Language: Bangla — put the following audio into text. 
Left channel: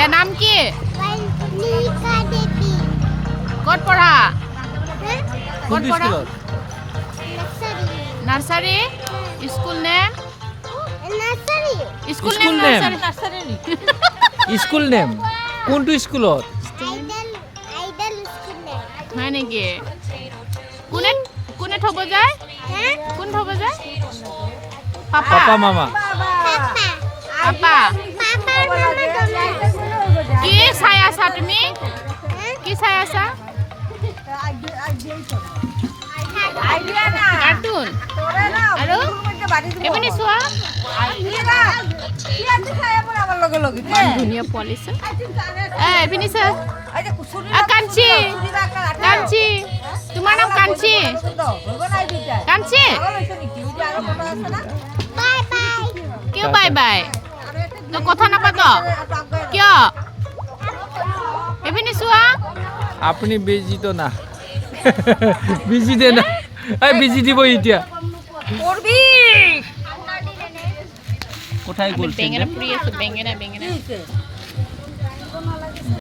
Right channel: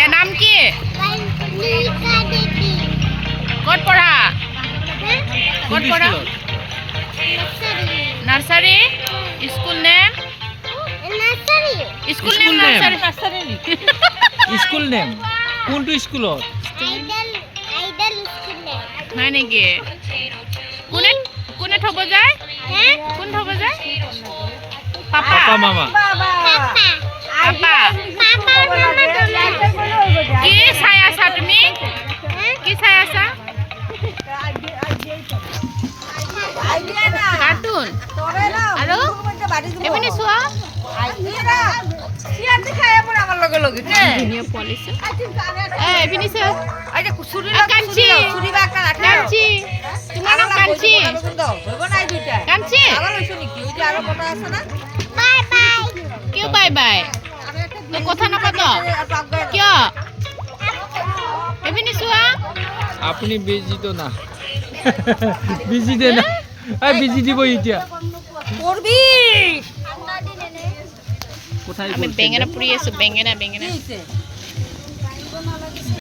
দে নাম কি ক'ত পঢ়া ক'ত পঢ়া nursery school name school name nursery school name কোনটো স্কুলত হয় নেকি কোনে কোনে থব যায় কোন থব যায় পাপা পাপা মামা পাপা কি চাই আছা তুমি কি চাই আছা কাৰ্টুন আৰু এপিনে চোৱা ধুনীয়া পোৱালি এপিনে চোৱা কাঞ্চি কাঞ্চি তোমাৰ নাম কাঞ্চি কাঞ্চি কিয় বাই বাই তই কথা নাপাত কিয় এপিনে চোৱা আপুনি বিজি তো না বিজি দে না বিজি দিব এতিয়া আমি বেঙেনা পুৰি আছো বেঙেনা